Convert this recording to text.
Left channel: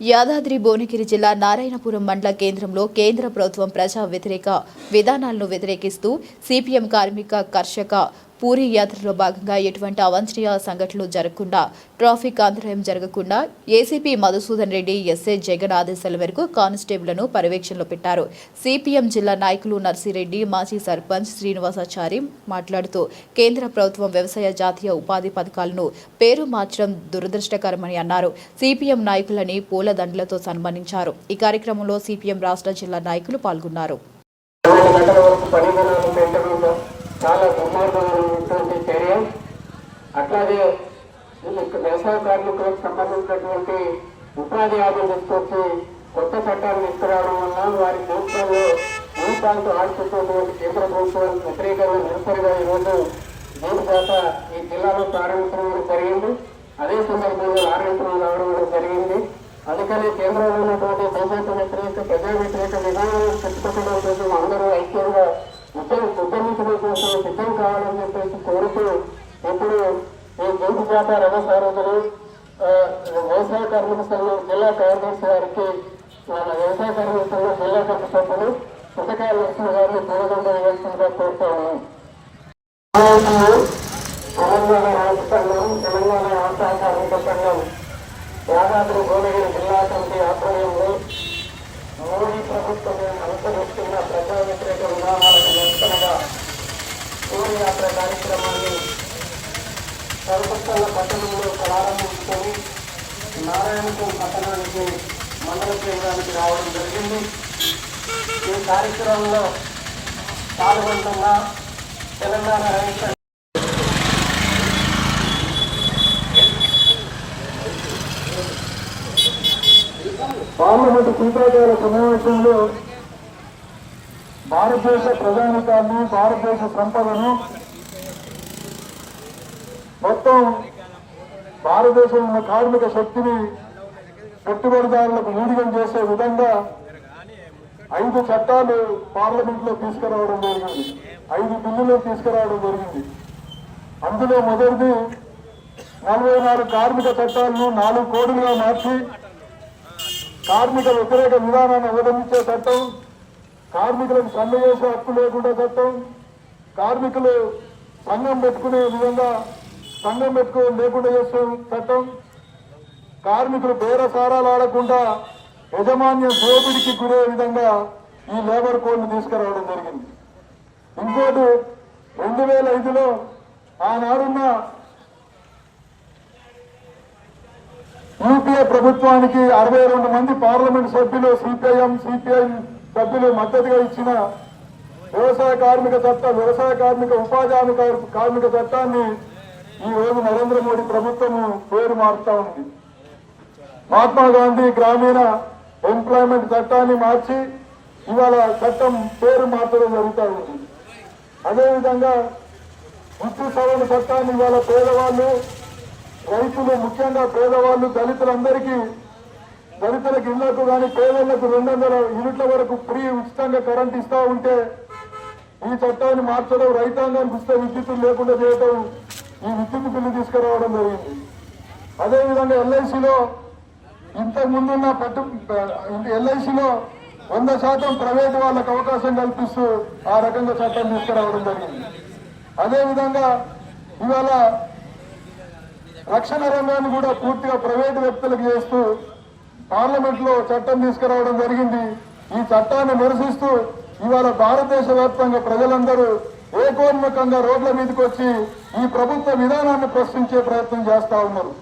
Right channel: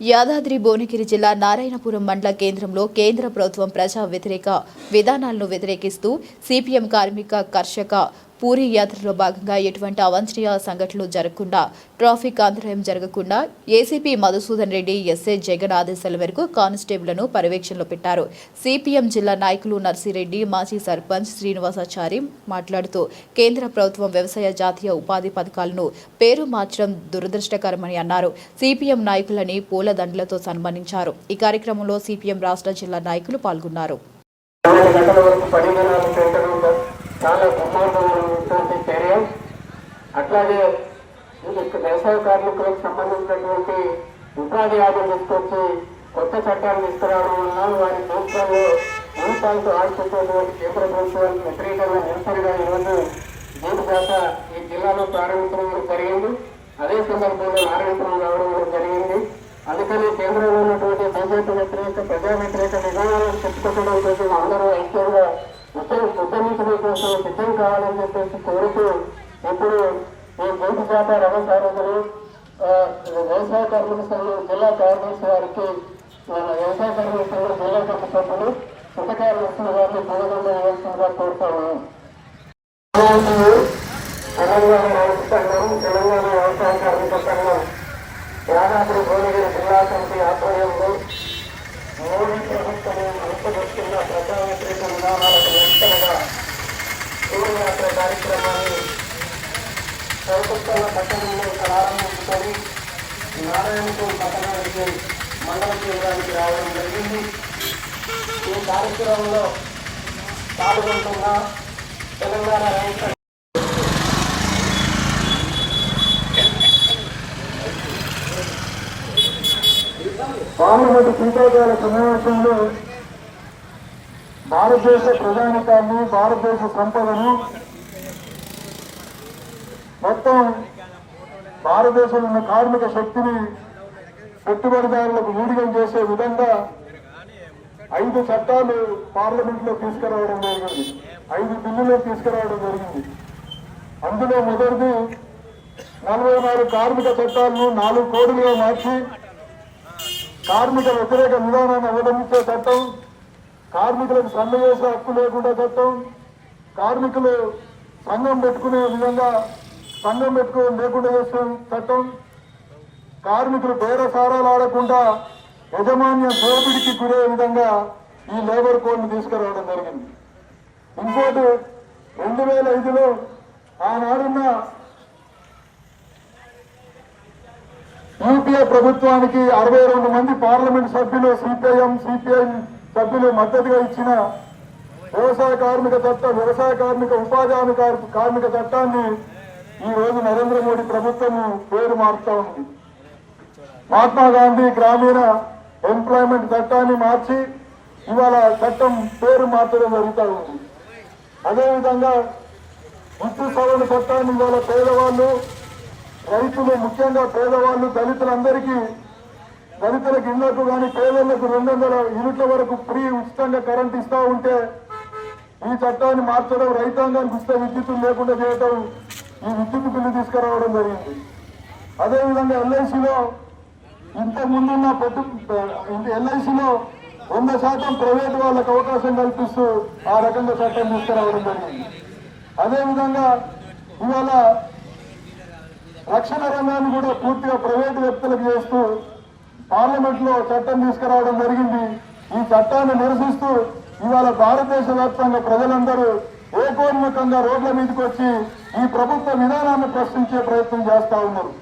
యాదాద్రి భువనగిరి జిల్లా నారాయణపురం మండల కేంద్రంలో కేంద్ర ప్రభుత్వం ప్రజా వ్యతిరేక విధానాలను వ్యతిరేకిస్తూ సిపిఎం కార్మిక కర్షక పూరి యాత్రలో భాగంగా ఎటువంటి అవాంఛనీయ సంఘటనలు జరగకుండా ట్రాఫిక్ అంతరాయం జరగకుండా ఏసీపీ మధుసూదన్ రెడ్డి ఎస్ఐ జగన్ ఆదేశాల మేరకు కానిస్టేబుళ్లను పర్యవేక్షణలో పెట్టారు. సిపిఎం జిల్లా నాయకులు నర్సిరెడ్డి, మాజీ సర్పంచ్ శ్రీనివాసాచారి మాట్లాడుతూ కేంద్ర ప్రభుత్వం వ్యవసాయ జాతీయ ఉపాధి పథకాలను పేరు మార్చడం దురదృష్టకరమని అన్నారు. సిపిఎం నాయకులని పూలదండలతో సన్మానించారు. ఈ కార్యక్రమంలో సిపిఎం రాష్ట్ర జిల్లా నాయకులు పాల్గొన్నారు. చాలా బ్రహ్మాండమైనటువంటి చర్య. అట్లాగే వ్యవసాయ కార్మికులకు సంబంధించినటువంటి ఉపాధి హామీలు తీసుకొచ్చి కొత్త చట్టాలు తీసుకురావడం వల్ల వారి ప్రభుత్వంలో జీవితాలతో ఆడుతున్నటువంటి కేంద్ర ప్రభుత్వానికి వ్యతిరేకంగా నిరసనగా ఈరోజు జీవితాత ఈ జిల్లాలో ప్రారంభించడం జరిగింది. అదే సందర్భంలో నారాయణపురం రావడం కూడా జరిగింది. అందుకని కేంద్రంలో ఉన్నటువంటి బీజేపీ వ్యతిరేక ప్రజా వ్యతిరేక విధానాలను చెప్పుకోవడం కోసం అందరూ ఐక్యంగా ఉద్ధరించడం కోసం సిద్ధం కావాలని చెప్పేసి కోరుతూ ఇప్పుడు ఈ జైలు జాత రథ సారథులు వ్యవసాయ కార్మిక సంఘం జిల్లా కార్యదర్శి వారికి వ్యవసాయ కార్మిక సంఘం జిల్లా కమిటీ సభ్యులు సుతకాయ లక్ష్మి గారిని పూలదండ వేయాల్సిందిగా కోరుతాము. తెలంగాణ రాష్ట్ర సంఘం, తెలంగాణ వ్యవసాయ కార్మిక సంఘం యాదాద్రి భువనగిరి జిల్లా కమిటీ ఆధ్వర్యంలో మోడీ ప్రభుత్వం అంతర్గతంగా ప్రజా వ్యతిరేక విధానాలకు నిరసనగా శోభయాత్ర కార్యక్రమాన్ని కలకత్తాల పట్టణంలో ప్రారంభించుకొని నారాయణపురం పట్టణానికి మండల కేంద్రానికి రావడం జరిగింది. ఈ కార్యక్రమంలో పాల్గొంటున్న తెలంగాణ రాష్ట్ర పార్లమెంటు శీతాకాల సమావేశంలో భారతదేశ ప్రజానికాన్ని, భారతదేశ సంపదను మొత్తం భారతదేశంలో ఉన్న కార్మిక శక్తిని పెట్టుబడిదారులకు ఊడిగం చేసే విధంగా 5 చట్టాలు పార్లమెంట్లో తీసుకురావడం జరిగింది. 5 బిల్లులు తీసుకురావడం జరిగింది. అందులో మొదటిది 44 కార్మిక చట్టాలను 4 కోడ్లుగా మార్చి కార్మిక వ్యతిరేక విధానాన్ని అవలంబించే చట్టం, కార్మికులకు సమ్మె చేసే హక్కు లేకుండా చట్టం, కార్మికులు సంఘం పెట్టుకునే విధంగా సంఘం లేకుండా చేసే చట్టం, కార్మికులు బేరసారాలు ఆడకుండా యజమాన్యం దోపిడికి గురే విధంగా ఈ లేబర్ కోడ్ను తీసుకురావడం జరిగింది. ఇంకోటి 2005లో ఆనాడున్న యూపీఏ ప్రభుత్వానికి 62 మంది పార్లమెంట్ సభ్యులు, సిపిఐ సభ్యులు మద్దతుగా ఇచ్చిన వ్యవసాయ కార్మిక చట్టం, వ్యవసాయ కార్మిక ఉపాధి హామీ కార్మిక చట్టాన్ని ఈ రోజు నరేంద్ర మోడీ ప్రభుత్వం పేరు మారుతా ఉంది. మహాత్మా గాంధీ గ్రామీణ ఎంప్లాయ్మెంట్ చట్టాన్ని మార్చి ఇవాళ చట్టం పేరు మార్చడం జరుగుతూ ఉంది. అదేవిధంగా వృత్తి సవరణ చట్టాన్ని ఇవాళ పేదవాళ్ళు, రైతులు, ముఖ్యంగా పేదవాళ్ళు, దళితులకు ఇళ్లకు కానీ పేదలకు 200 యూనిట్ల వరకు ఫ్రీ ఉచితంగా కరెంట్ ఇస్తూ ఉంటే ఈ చట్టాన్ని మార్చడం, రైతాంగానికి ఉచిత విద్యుత్తులు లేకుండా చేయడం, ఈ విద్యుత్ బిల్లు తీసుకురావడం జరిగింది. అదేవిధంగా ఎల్ఐసిలో ఇంతకుముందున్న ఎల్ఐసిలో 100% ప్రైవేటు వాళ్ళకు అవకాశం కల్పిస్తూ ఆ రకంగా చట్టం తీసుకురావడం జరిగింది. అదేవిధంగా ఇవాళ రక్షణ రంగాన్ని కూడా పూర్తిగా ప్రైవేటు వ్యక్తులకు చేస్తూ పార్లమెంట్ లో చట్టం తీసుకురావడం జరిగింది. ఈ చట్టాన్ని నిరసిస్తూ ఇవాళ భారతదేశ వ్యాప్తంగా ప్రజలందరూ ఏకోన్ముఖంగా రోడ్ల మీదకి వచ్చి ఈ ప్రభుత్వ విధానాన్ని ప్రశ్నించే ప్రయత్నం చేస్తా ఉన్నారు.